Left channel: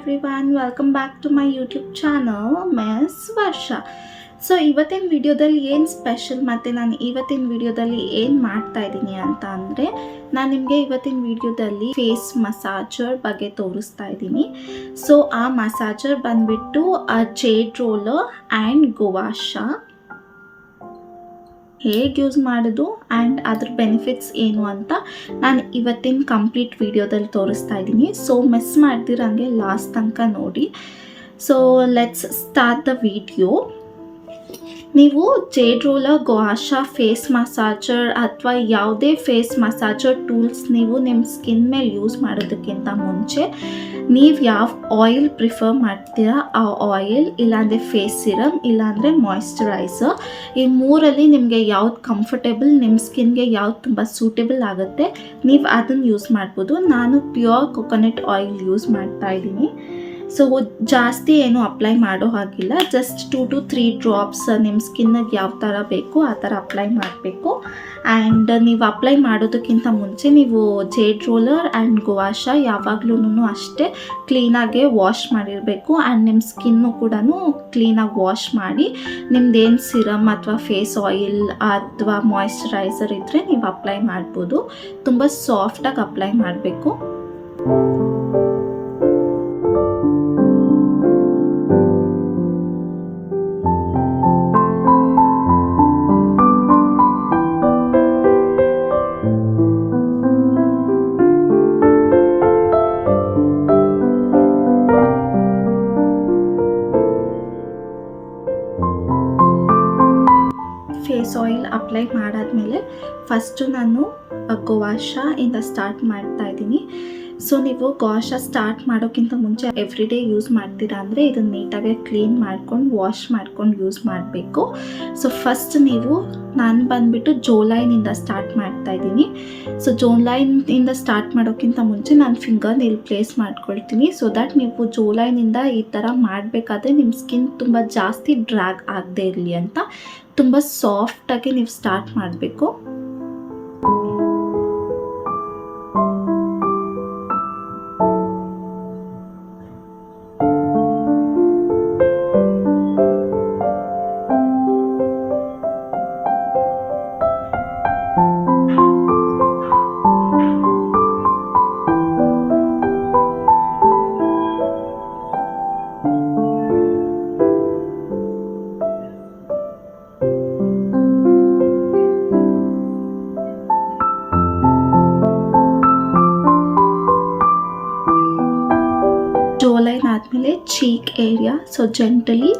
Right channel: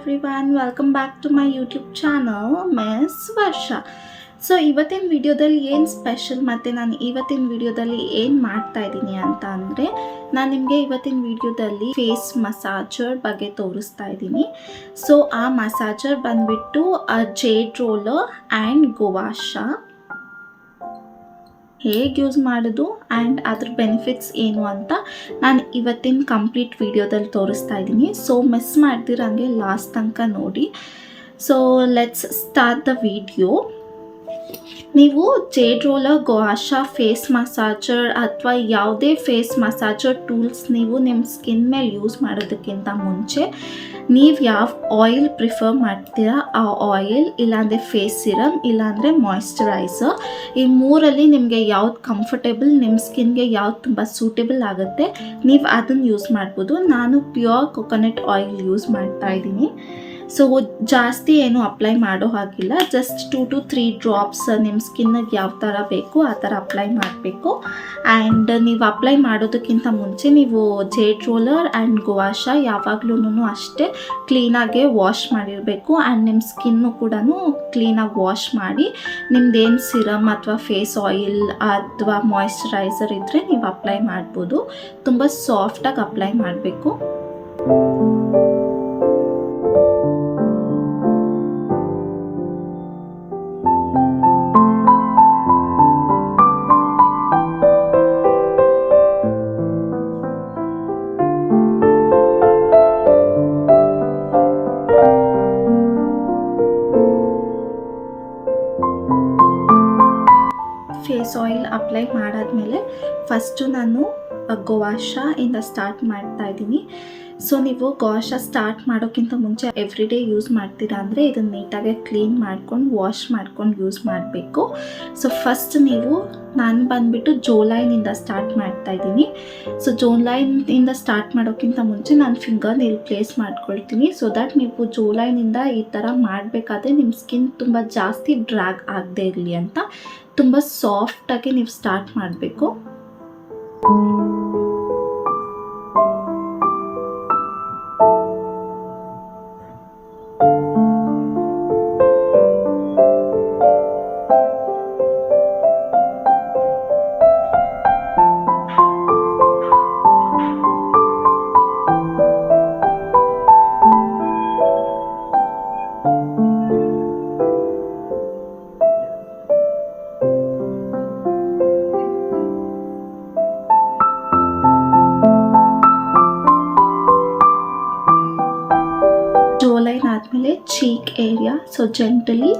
everyone, welcome back to my YouTube channel Miss Varsha. So ಇವತ್ತಿನ ವಿಡಿಯೋದಲ್ಲಿ ಏನು special ಮತ್ತು ನಾನು ಇವತ್ತಿನ ವಿಡಿಯೋದಲ್ಲಿ ಏನು ಮಾಡ್ತಾ ಇದ್ದೀನಿ ಅಂತ ಅಂದರೆ ನಾನು ನಿಮಗೆ ಇವತ್ತಿನ ವಿಡಿಯೋದಲ್ಲಿ ಫೇಸ್ ಮಸಾಜರ್ ಬಗ್ಗೆ ತೋರಿಸ್ತಾ ಇದ್ದೀನಿ. ಸೊ ಆ ಮಸಾಜರ್ ಬಂದುಬಿಟ್ಟು Jaderoller ಆ್ಯಂಡ್ Gua Sha. ಹೇಗೆ ಯೂಸ್ ಮಾಡೋದು ಆ್ಯಂಡ್ ಅದ್ರ ಬೆನಿಫಿಟ್ಸ್ ಏನು ಅಂತ ನಾನು ಇವತ್ತಿನ ಕಂಪ್ಲೀಟ್ ವಿಡಿಯೋದಲ್ಲಿ ತೋರಿಸ್ತಾ ಇದ್ದೀನಿ. ಸೊ ಮಿಸ್ ಮಾಡ್ದಿರಂಗೆ ಲಾಸ್ಟ್ ತನಕ ನೋಡಿ. So let's start the video. ನೀವು Jaderoller, Gua Sha face massager ಅಥವಾ ಯಾವುದೇ ಫೇಸ್ ಮಸಾಜರ್ ಟೂಲ್ಸ್ ನೀವು ನಿಮ್ಮ ಸ್ಕಿನ್ ಮೇಲೆ ಯೂಸ್ ಮಾಡೋದಕ್ಕಿಂತ ಮುಂಚೆ ನೀವು ಯಾವ ಆಯಿಲ್ ಪ್ರಿಫರ್ ಮಾಡ್ತೀರಾ ಆ ಆಯಿಲ್, ಇಲ್ಲಾಂದರೆ ಫೇಸ್ ಸಿರಮ್, ಇಲ್ಲಾಂದರೆ ಮಾಯ್ಶ್ಚರೈಸರ್, ಈ ಮೂರಲ್ಲಿ ನಿಮಗೆ ಯಾವ್ದು ಕಂಫರ್ಟೇಬಲ್, ನಿಮ್ಮ ಸ್ಕಿನ್ಗೆ ಯಾವ್ದು ತುಂಬ ಸೂಟೇಬಲ್ ಆಗುತ್ತೆ ನೀವು ಅದನ್ನು ಯೂಸ್ ಮಾಡ್ಬೋದು. ನಾನು ಪ್ಯೂರ್ ಕೊಕೊನಟ್ ಆಯಿಲ್ ಯೂಸ್ ಮಾಡ್ತಾ ಇದ್ದೀನಿ. ಸೊ ಜಾಸ್ತಿ ಏನು ಅಪ್ಲೈ ಮಾಡೋ ಹಾಗಿಲ್ಲ, ಜಸ್ಟ್ 2 to 3 ಡ್ರಾಪ್ಸ್ ನಿಮ್ಮ ಸ್ಕಿನ್ನಿಗೆ ಯಾವ ಥರ ಬೇಕು ಆ ಥರ ಅಪ್ಲೈ ಮಾಡಬೇಕು. ಆ್ಯಂಡ್ ನೀವು ಅಪ್ಲೈ ಮಾಡೋದಕ್ಕಿಂತ ಮುಂಚೆ ನೀವು Jaderoller ಆ್ಯಂಡ್ Gua Sha ಯಾವಾಗಲೂ ಅಷ್ಟೇ ಕ್ಲೀನಾಗೆ ವಾಶ್ ಮಾಡಿರಬೇಕು. ಆ್ಯಂಡ್ ನಿಮ್ಮ ಸ್ಕಿನ್ನು ಕೂಡ ಕ್ಲೀನಾಗಿ ವಾಶ್ ಮಾಡಿ ನಿಮ್ದೇನು ಸಿರಮ್ ಅಥವಾ ಫೇಸ್ ಆಯಿಲ್ ಅಥವಾ ಮಾಯ್ಶ್ಚರೈಸರ್ ಇದ್ದರೆ ನೀವು ಅಪ್ಲೈ ಮಾಡ್ಬೋದು. ತುಂಬ ಸಾಫ್ಟಾಗಿ ಅಪ್ಲೈ ಮಾಡಬೇಕು. ಫೇಸ್ ಆಯಿಲ್ ಅಪ್ಲೈ ಮಾಡಾದಮೇಲೆ ಫಸ್ಟು ನಾನು Gua Sha ಇಂದ ಸ್ಟಾರ್ಟ್ ಮಾಡ್ತಾ ಇದ್ದೀನಿ. ಸೊ ನೀವು Gua Sha ಸ್ಟಾರ್ಟ್ ಮಾಡೋಕ್ಕಿಂತ ಮುಂಚೆ ಎವ್ರಿ ಡೇ ಯೂಸ್ ಮಾಡ್ತೀರಾ ಅಂದರೆ ಇದನ್ನು ನೀಟಾಗಿ ಕ್ಲೀನ್ ಮಾಡ್ಕೊಂಡು ವಾಶ್ ಮಾಡ್ಕೊಂಡು ಯೂಸ್ ಮಾಡಬೇಕು. ಸೊ ಫಸ್ಟ್ ನಾನು ಬಂದುಬಿಟ್ಟು ಜೋಲೈನಿಂದ ಸ್ಟಾರ್ಟ್ ಮಾಡ್ತಾ ಇದ್ದೀನಿ. ಸೊ ಜೋಲೈನಿಂದ ಸ್ಟಾರ್ಟ್ ಮಾಡೋಕ್ಕಿಂತ ಮುಂಚೆ ನಾನು ಫಿಂಗರ್ ನೇಲ್ ಪ್ಲೇಸ್ ಮಾಡ್ಕೊಳ್ತೀನಿ. ಸೊ ದ್ಯಾಟ್ ನೀವು ಜೋಲೈನಿಂದ ಈ ಥರ ಮಾಡಬೇಕಾದ್ರೆ ನಿಮ್ಮ ಸ್ಕಿನ್ ತುಂಬ ಜಾಸ್ತಿ ಡ್ರ್ಯಾಗ್ ಆಗದೆ ಇರಲಿ ಅಂತ ತುಂಬ ಸಾಫ್ಟಾಗಿ ನೀವು ಸ್ಟಾರ್ಟ್ ಮಾಡಬೇಕು. ಜೋಲೈನ್ ಆದಮೇಲೆ ಚೀಕ್ ಏರಿಯಾ, ಸೊ ಜೆಂಟಲಿ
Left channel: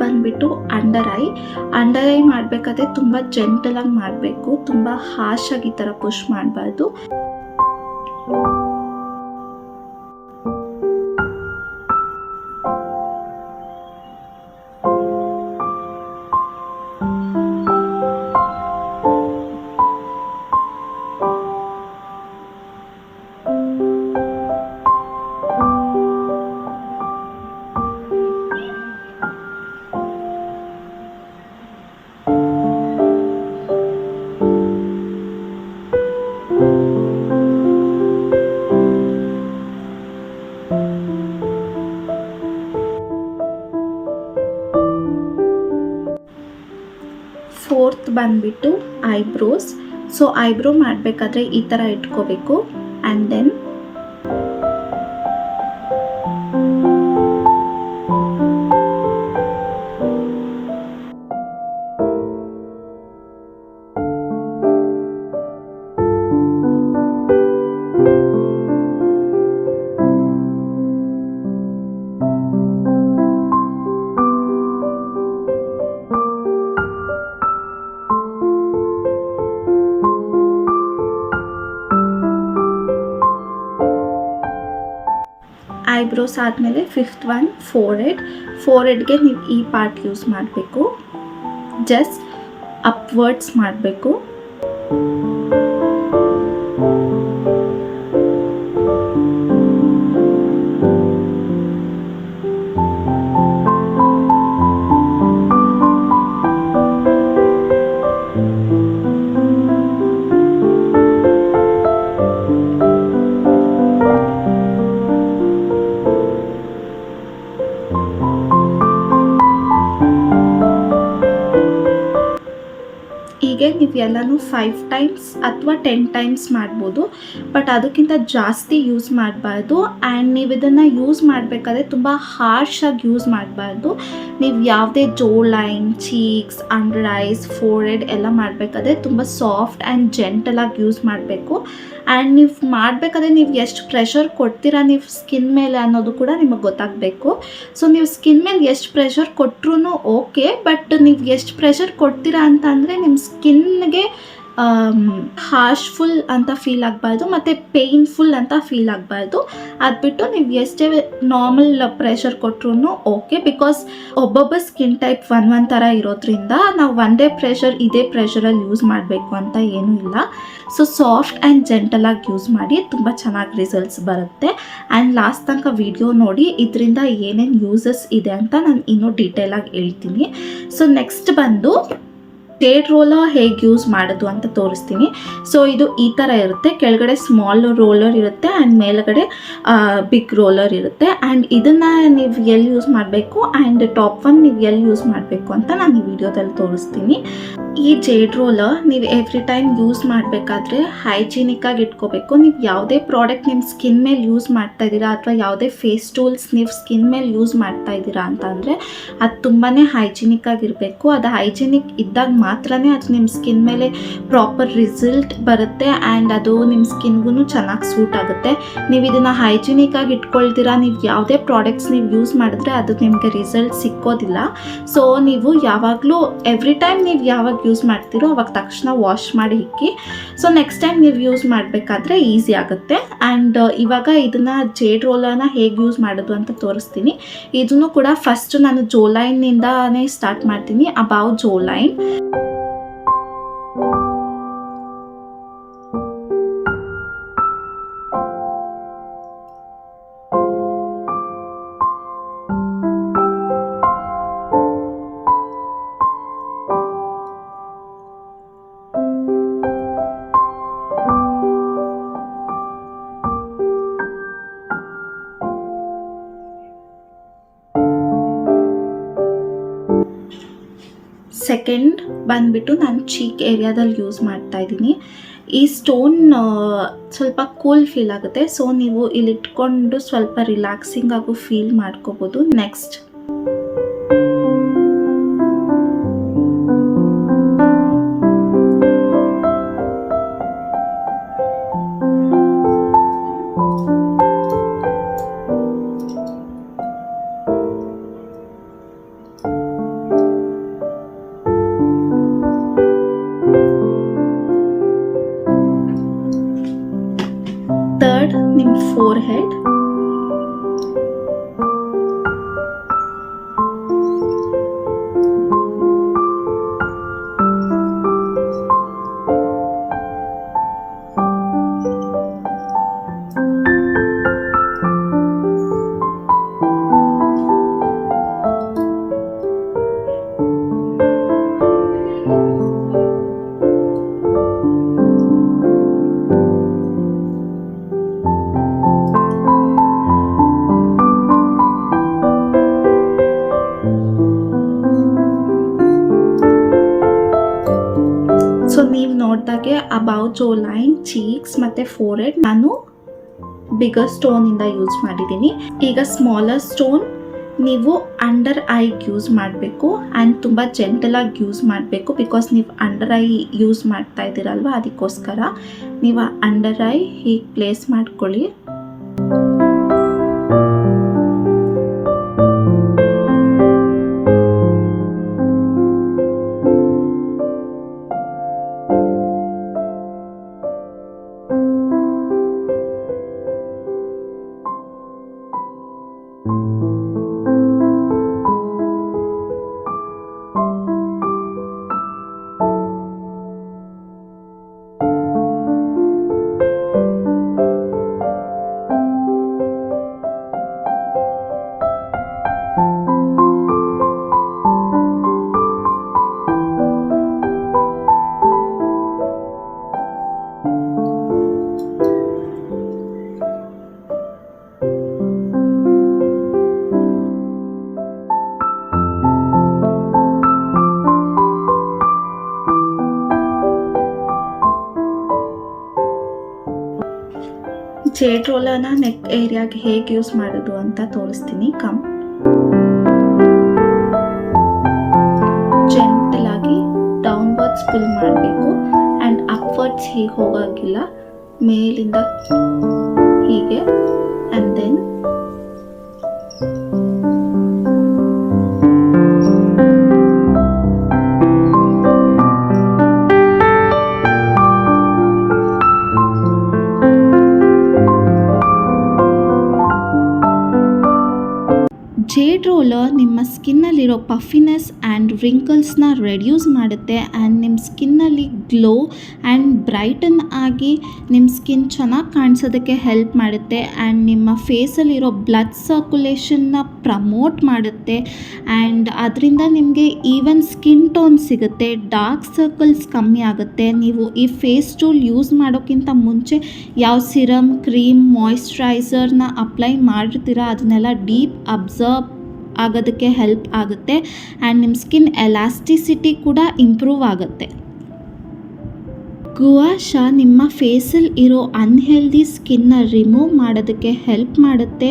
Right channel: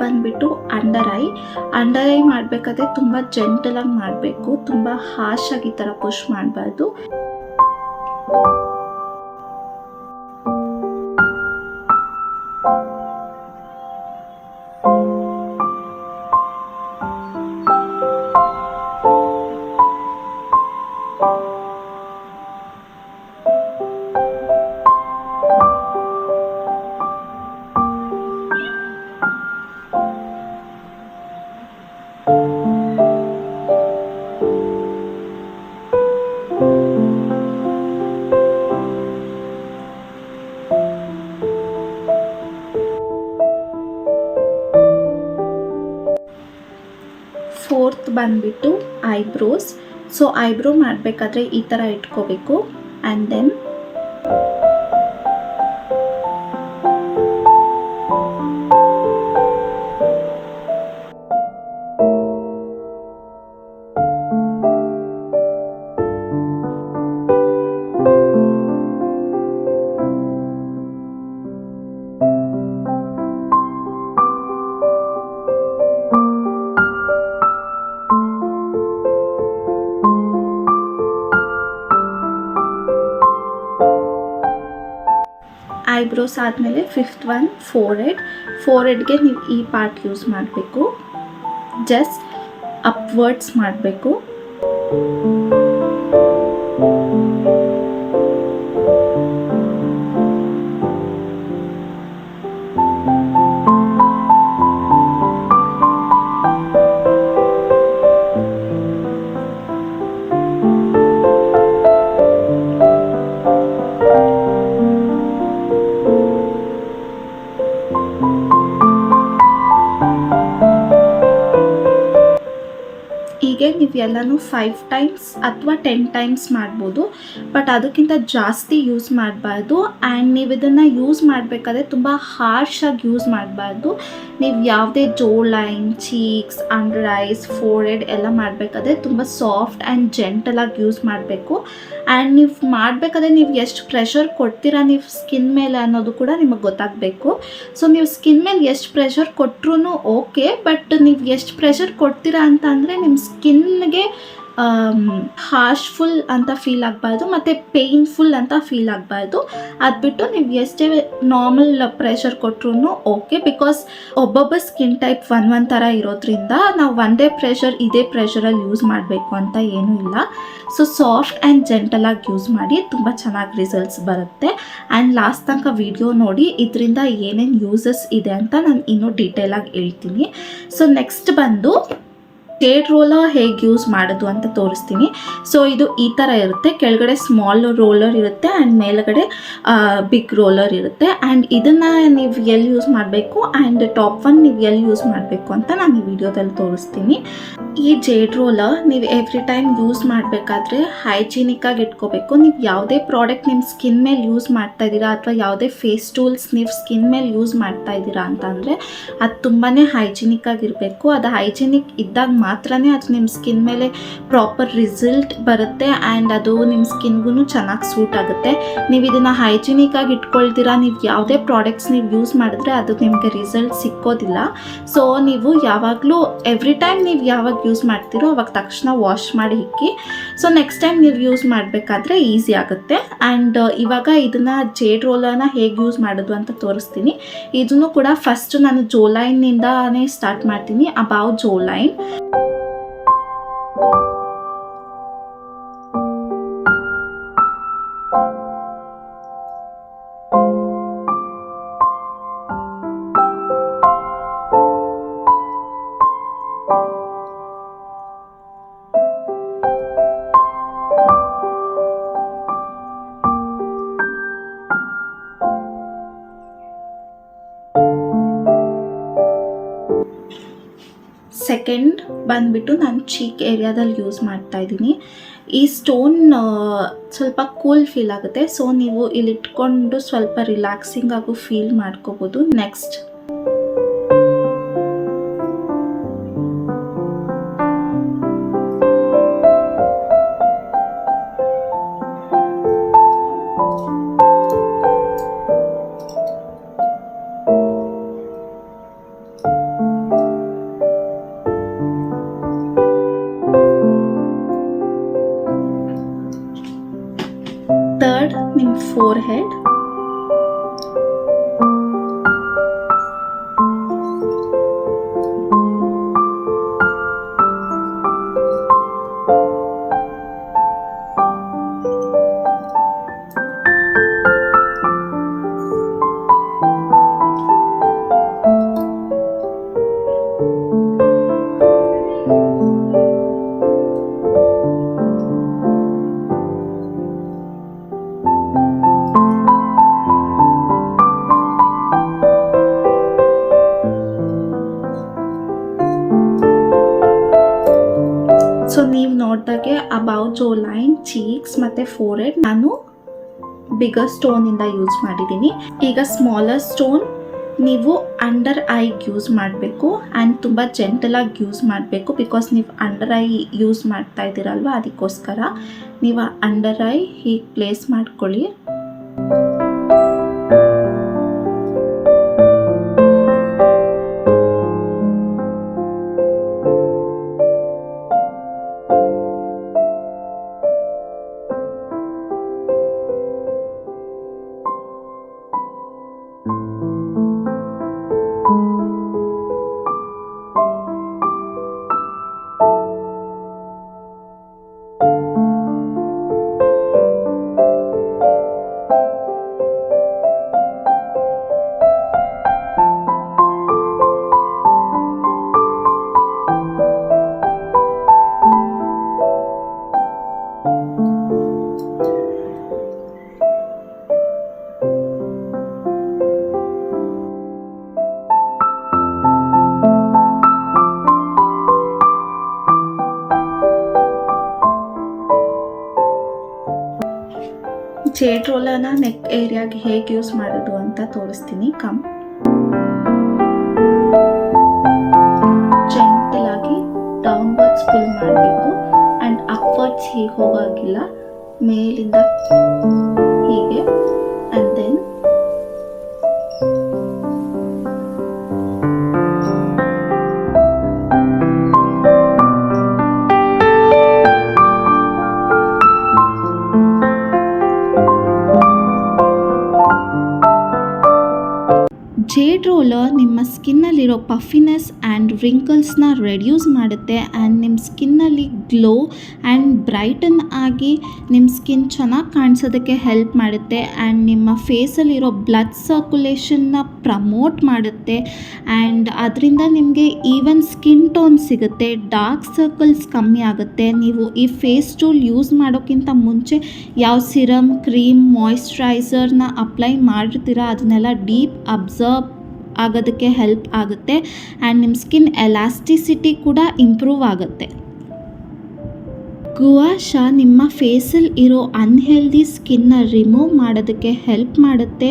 ಬಂದುಬಿಟ್ಟು ಅಂಡರ್ ಐ ಮಾಡಬೇಕಾದ್ರೆ ತುಂಬ ಜೆಂಟಲಾಗಿ ಮಾಡಬೇಕು, ತುಂಬ ಹಾಶಾಗಿ ಈ ಥರ ಪುಷ್ ಮಾಡಬಾರ್ದು. ಫೋರ್ತ್ ಬಂದುಬಿಟ್ಟು ಐಬ್ರೋಸ್. ಸೊ ಐಬ್ರೋ ಮಾಡಬೇಕಾದ್ರೆ ಈ ಥರ ಇಟ್ಕೋಬೇಕು. ಆ್ಯಂಡ್ ದೆನ್ ಐಬ್ರೋಸ್ ಆದಮೇಲೆ 5th ಒನ್ ಫೋರ್ಹೆಡ್ಗೆ ನೀವು ಈ ಪಾರ್ಟ್ ಯೂಸ್ ಮಾಡಬೇಕು. ಜಸ್ಟ್ ಅಪ್ವರ್ಡ್ಸ್ ಮಾಡಬೇಕು. ಹೀಗೆ ನೀವು ಎಲ್ಲನೂ 5 ಟೈಮ್ಸ್ ಅಥವಾ 10 ಟೈಮ್ಸ್ ಮಾಡ್ಬೋದು, ಬಟ್ ಅದಕ್ಕಿಂತ ಜಾಸ್ತಿ ಯೂಸ್ ಮಾಡಬಾರ್ದು. ಆ್ಯಂಡ್ ನೀವು ಇದನ್ನು ಯೂಸ್ ಮಾಡಬೇಕಾದ್ರೆ ತುಂಬ ಹಾರ್ಷಾಗಿ ಯೂಸ್ ಮಾಡಬಾರ್ದು. ನೀವು ಯಾವುದೇ ಜೋ line, cheeks, under ice, forehead ಎಲ್ಲ ಮಾಡಬೇಕಾದ್ರೆ ತುಂಬ ಸಾಫ್ಟ್ ಆ್ಯಂಡ್ ಜೆಂಟಲಾಗಿ ಯೂಸ್ ಮಾಡಬೇಕು. ಆ್ಯಂಡ್ ನೀವು ಮಾಡಬೇಕಾದ್ರೆ ನೀವು ಎಷ್ಟು ಪ್ರೆಷರ್ ಕೊಡ್ತೀರಾ ನೀವು ಸ್ಕಿನ್ ಮೇಲೆ ಅನ್ನೋದು ಕೂಡ ನಿಮಗೆ ಗೊತ್ತಾಗಬೇಕು. ಸೊ ನೀವು ಸ್ಕಿನ್ ಮೇಲೆ ಎಷ್ಟು ಪ್ರೆಷರ್ ಕೊಟ್ಟರೂ ಓಕೆ, ಬಟ್ ನೀವು ಎಷ್ಟು ಪ್ರೆಷರ್ ಕೊಡ್ತೀರಾ ಅಂತ ಅಂದರೆ ನಿಮ್ಮ ಸ್ಕಿನ್ಗೆ ಹಾರ್ಶ್ಫುಲ್ ಅಂತ ಫೀಲ್ ಆಗಬಾರ್ದು ಮತ್ತು ಪೇಯ್ನ್ಫುಲ್ ಅಂತ ಫೀಲ್ ಆಗಬಾರ್ದು. ಅದು ಬಿಟ್ಟು ನೀವು ಎಷ್ಟೇ ನಾರ್ಮಲ್ ಪ್ರೆಷರ್ ಕೊಟ್ಟರು ಓಕೆ, ಬಿಕಾಸ್ ಒಬ್ಬೊಬ್ಬ ಸ್ಕಿನ್ ಟೈಪ್ ಒಂದು ಥರ ಇರೋದ್ರಿಂದ ನಾವು ಒಂದೇ ಇದೇ ಪ್ರೆಷರಲ್ಲಿ ಯೂಸ್ ಮಾಡಬೇಕು ಅಂತ ಏನೂ ಇಲ್ಲ. ಸೊ ಸಾಫ್ಟ್ ಆ್ಯಂಡ್ ಜೆಂಟಲಾಗಿ ಯೂಸ್ ಮಾಡಿ, ತುಂಬ ಚೆನ್ನಾಗಿ ರಿಸಲ್ಟ್ಸ್ ಬರುತ್ತೆ. ಆ್ಯಂಡ್ ಲಾಸ್ಟ್ ತನಕ ವಿಡಿಯೋ ನೋಡಿ ಇದರಿಂದ ಏನೇನು ಯೂಸಸ್ ಇದೆ ಅಂತ ನಾನು ಇನ್ನೂ ಡೀಟೇಲಾಗಿ ಹೇಳ್ತೀನಿ. ಸೊ ನೆಕ್ಸ್ಟ್ ಬಂದು Jaderoller ಹೇಗೆ ಯೂಸ್ ಮಾಡೋದು ಅಂತ ತೋರಿಸ್ತೀನಿ. ಸೊ ಇದು ಈ ಥರ ಇರುತ್ತೆ, ಕೆಳಗಡೆ ಸ್ಮಾಲ್ ರೋಲರ್ ಇರುತ್ತೆ ಆ್ಯಂಡ್ ಮೇಲ್ಗಡೆ ಬಿಗ್ ರೋಲರ್ ಇರುತ್ತೆ. ಆ್ಯಂಡ್ ಇದನ್ನು ನೀವು ಎಲ್ಲಿ ಯೂಸ್ ಮಾಡಬೇಕು ಆ್ಯಂಡ್ ಟಾಪ್ ಒನ್ ನೀವು ಎಲ್ಲಿ ಯೂಸ್ ಮಾಡಬೇಕು ಅಂತ ನಾನು ಈ ವಿಡಿಯೋದಲ್ಲಿ ತೋರಿಸ್ತೀನಿ. ಈ Jaderoller ನೀವು ಎವ್ರಿ ಟೈಮ್ ಯೂಸ್ ಮಾಡಬೇಕಾದ್ರೆ ಹೈಜಿನಿಕ್ಕಾಗಿ ಇಟ್ಕೋಬೇಕು. ನೀವು ಯಾವುದೇ ಪ್ರಾಡಕ್ಟ್ ನಿಮ್ಮ ಸ್ಕಿನ್ ಮೇಲೆ ಯೂಸ್ ಮಾಡ್ತಾ ಇದ್ದೀರಾ ಅಥವಾ ಯಾವುದೇ ಫೇಸ್ ಟೂಲ್ಸ್ ನೀವು ಸ್ಕಿನ್ ಮೇಲೆ ಯೂಸ್ ಮಾಡ್ತಾ ಇದ್ದೀರಾ ಅಂತ ಅಂದರೆ ಅದು ತುಂಬಾ ಹೈಜಿನಿಕ್ಕಾಗಿರಬೇಕು. ಅದು ಹೈಜಿನಿಕ್ ಇದ್ದಾಗ ಮಾತ್ರನೇ ಅದು ನಿಮ್ಮ ಸ್ಕಿನ್ ಮೇಲೆ ಪ್ರಾಪರ್ ರಿಸಲ್ಟ್ ಬರುತ್ತೆ ಆ್ಯಂಡ್ ಅದು ನಿಮ್ಮ ಸ್ಕಿನ್ಗೂ ಚೆನ್ನಾಗಿ ಸೂಟ್ ಆಗುತ್ತೆ. ನೀವು ಇದನ್ನು ಹೈಜಿನಿಕ್ಕಾಗಿ ಇಟ್ಕೊಳ್ತೀರಾ, ನೀವು ಯಾವುದೇ ಪ್ರಾಡಕ್ಟ್ಸ್ ನೀವು ಯೂಸ್ ಮಾಡಿದ್ರೆ ಅದು ನಿಮಗೆ ರಿಸಲ್ಟ್ ಸಿಕ್ಕೋದಿಲ್ಲ. ಸೊ ನೀವು ಯಾವಾಗಲೂ ಎವ್ರಿ ಟೈಮ್ ನೀವು ಯಾವಾಗ ಯೂಸ್ ಮಾಡ್ತೀರೋ ಅವಾಗ ತಕ್ಷಣ ವಾಶ್ ಮಾಡಿ ಇಕ್ಕಿ. ಸೊ ನೆಕ್ಸ್ಟ್ ಟೈಮ್ ನೀವು ಯೂಸ್ ಮಾಡಬೇಕಾದ್ರೆ ಈಸಿ ಆಗುತ್ತೆ. ಆ್ಯಂಡ್ ಇವಾಗ ಇದನ್ನು Jaderollerನ ಹೇಗೆ ಯೂಸ್ ಮಾಡೋದು ಅಂತ ತೋರಿಸ್ತೀನಿ. ಇದನ್ನು ಕೂಡ ಫಸ್ಟ್ ನಾನು ಜೋ ಲೈನ್ನಿಂದಾನೇ ಸ್ಟಾರ್ಟ್ ಮಾಡ್ತೀನಿ, ಅಬೌವ್ ಜೋ ಲೈನ್. ಸೆಕೆಂಡ್ ಬಂದುಬಿಟ್ಟು ನಾನು ಚೀಕ್ ಏರಿಯಾದಲ್ಲಿ ಯೂಸ್ ಮಾಡ್ತಾ ಇದ್ದೀನಿ. ಈ ಸ್ಟೋನ್ ಸ್ವಲ್ಪ ಕೂಲ್ ಫೀಲ್ ಆಗುತ್ತೆ, ಸೊ ನೀವು ಇಲ್ಲಿ ಇಟ್ಕೊಂಡು ಸ್ವಲ್ಪ ರಿಲ್ಯಾಕ್ಸಿಂಗ್ ಆಗು ಫೀಲ್ ಮಾಡ್ಕೋಬೋದು. ನೆಕ್ಸ್ಟ್ ಥರ್ಡ್ ನಿಮ್ಮ ಫೋರ್ಹೆಡ್. ಸೊ ನೀವು ನೋಡಿದಾಗೆ ಅಬೌವ್ ಜೋ ಲೈನ್, ಚೀಕ್ಸ್ ಮತ್ತು ಫೋರ್ಹೆಡ್ ನಾನು ಬಿಗರ್ ಸ್ಟೋನಿಂದ ಯೂಸ್ ಮಾಡಿದ್ದೀನಿ. ಈಗ ಸ್ಮಾಲರ್ ಸ್ಟೋನ್ ನೀವು ಅಂಡರ್ ಐಗೆ ಯೂಸ್ ಮಾಡಬೇಕು ಆ್ಯಂಡ್ ತುಂಬ ಜೆಂಟಲಾಗಿ ಯೂಸ್ ಮಾಡಬೇಕು, ಬಿಕಾಸ್ ನೀವು ಅಂಡರ್ ಐ ಯೂಸ್ ಮಾಡ್ತಾ ಇದ್ದೀರಲ್ವ, ಅದಕ್ಕೋಸ್ಕರ ನೀವು ಅಂಡರ್ ಐ ಹೀಗೆ ಪ್ಲೇಸ್ ಮಾಡ್ಕೊಳ್ಳಿ. ಜೇಡ್ ರೋಲರ್ನ ನೆಕ್ ಏರಿಯಾಗೆ ಹೇಗೆ ಯೂಸ್ ಮಾಡೋದು ಅಂತ ತೋರಿಸ್ತೀನಿ. ಜೆಂಟಲ್ ಆಗಿ ಡೌನ್ವರ್ಡ್ಸ್ ಪುಲ್ ಮಾಡಬೇಕು ಆ್ಯಂಡ್ ಅಪ್ವರ್ಡ್ಸ್ ಹೀಗೆ ಹೋಗೋಗಿಲ್ಲ, ಮೇಲಿಂದ ಹೀಗೆ ಆ್ಯಂಡ್ ದೆನ್ ಜೇಡ್ ರೋಲರ್ ನಿಮ್ಮ ಸ್ಕಿನ್ನಲ್ಲಿರೋ ಪಫಿನೆಸ್ ಆ್ಯಂಡ್ ರಿಂಕಲ್ಸ್ನ ರೆಡ್ಯೂಸ್ ಮಾಡುತ್ತೆ ಆ್ಯಂಡ್ ನಿಮ್ಮ ಸ್ಕಿನ್ನಲ್ಲಿ ಗ್ಲೋ ಆ್ಯಂಡ್ ಬ್ರೈಟನ್ ಆಗಿ ನಿಮ್ಮ ಸ್ಕಿನ್ ಚೆನ್ನಾಗಿ ಕಾಣಿಸೋದಕ್ಕೆ ಹೆಲ್ಪ್ ಮಾಡುತ್ತೆ ಆ್ಯಂಡ್ ನಿಮ್ಮ ಫೇಸಲ್ಲಿರೋ ಬ್ಲಡ್ ಸರ್ಕ್ಯುಲೇಷನ್ನ ಪ್ರಮೋಟ್ ಮಾಡುತ್ತೆ ಆ್ಯಂಡ್ ಅದರಿಂದ ನಿಮಗೆ ಈವನ್ ಸ್ಕಿನ್ ಟೋನ್ ಸಿಗುತ್ತೆ, ಡಾರ್ಕ್ ಸರ್ಕಲ್ಸ್ ಕಮ್ಮಿ ಆಗುತ್ತೆ. ನೀವು ಈ ಫೇಸ್ ಟೂಲ್ ಯೂಸ್ ಮಾಡೋಕ್ಕಿಂತ ಮುಂಚೆ ಯಾವ ಸಿರಮ್, ಕ್ರೀಮ್, ಮಾಯಿಶ್ಚರೈಸರ್ನ ಅಪ್ಲೈ ಮಾಡಿರ್ತೀರ ಅದನ್ನೆಲ್ಲ ಡೀಪ್ ಅಬ್ಸರ್ವ್ ಆಗೋದಕ್ಕೆ ಹೆಲ್ಪ್ ಆಗುತ್ತೆ ಆ್ಯಂಡ್ ನಿಮ್ಮ ಸ್ಕಿನ್ ಎಲಾಸ್ಟಿಸಿಟಿ ಕೂಡ ಇಂಪ್ರೂವ್ ಆಗುತ್ತೆ. ಗುವಾ ಶಾ ನಿಮ್ಮ ಫೇಸಲ್ಲಿ ಇರೋ ಅನ್ಹೆಲ್ದಿ ಸ್ಕಿನ್ನ ರಿಮೂವ್ ಮಾಡೋದಕ್ಕೆ ಹೆಲ್ಪ್ ಮಾಡುತ್ತೆ,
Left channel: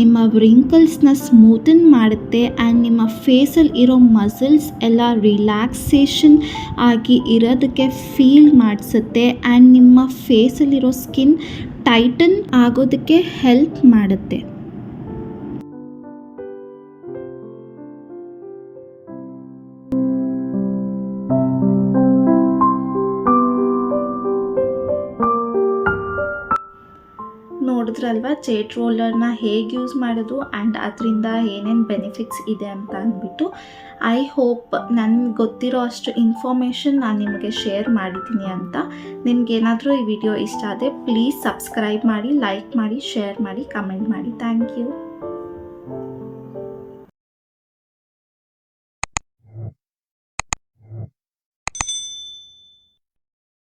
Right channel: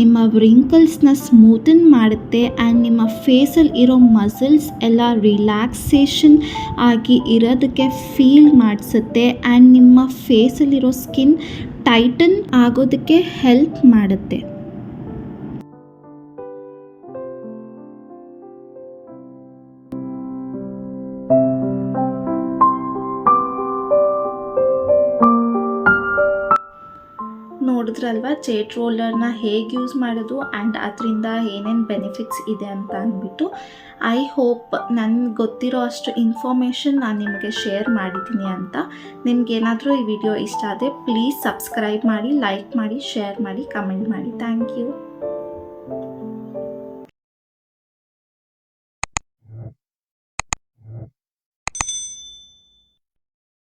ನಿಮ್ಮ ರಿಂಕಲ್ಸ್ನ ಸ್ಮೂತನ್ ಮಾಡುತ್ತೆ ಆ್ಯಂಡ್ ನಿಮ್ಮ ಫೇಸಲ್ಲಿ ಇರೋ ಮಸಲ್ಸ್ ಎಲ್ಲ ರಿಲ್ಯಾಕ್ಸೇಷನ್ ಆಗಿ ಇರೋದಕ್ಕೆ ಫೀಲ್ ಮಾಡಿಸುತ್ತೆ ಆ್ಯಂಡ್ ನಿಮ್ಮ ಫೇಸಲ್ಲಿರೋ ಸ್ಕಿನ್ ಟೈಟನ್ ಆಗೋದಕ್ಕೆ ಹೆಲ್ಪ್ ಮಾಡುತ್ತೆ. ನೋಡಿದ್ರಲ್ವ ಜೇಡ್ ರೋಲರ್ನ ಹೇಗೆ ಯೂಸ್ ಮಾಡೋದು ಆ್ಯಂಡ್ ಅದರಿಂದ ಏನೇನು ಬೆನಿಫಿಟ್ಸ್ ಇದೆ ಅಂತ ಅಂದ್ಬಿಟ್ಟು. ಐ ಹೋಪ್ ನನಗೆ ಗೊತ್ತಿರೋ ಅಷ್ಟು ಇನ್ಫಾರ್ಮೇಷನ್ ನಾನು ನಿಮಗೆ ಶೇರ್ ಮಾಡಿದ್ದೀನಿ ಅಂತ. ನಿಮಗೇನಾದರೂ ಈ ವಿಡಿಯೋ ಇಷ್ಟ ಆದರೆ ಪ್ಲೀಸ್ ಸಬ್ಸ್ಕ್ರೈಬ್ ಮಾಡಿ, ಲೈಕ್ ಮಾಡಿ, ಶೇರ್ ಮಾಡಿ, ಕಮೆಂಟ್ ಮಾಡಿ. Thank you.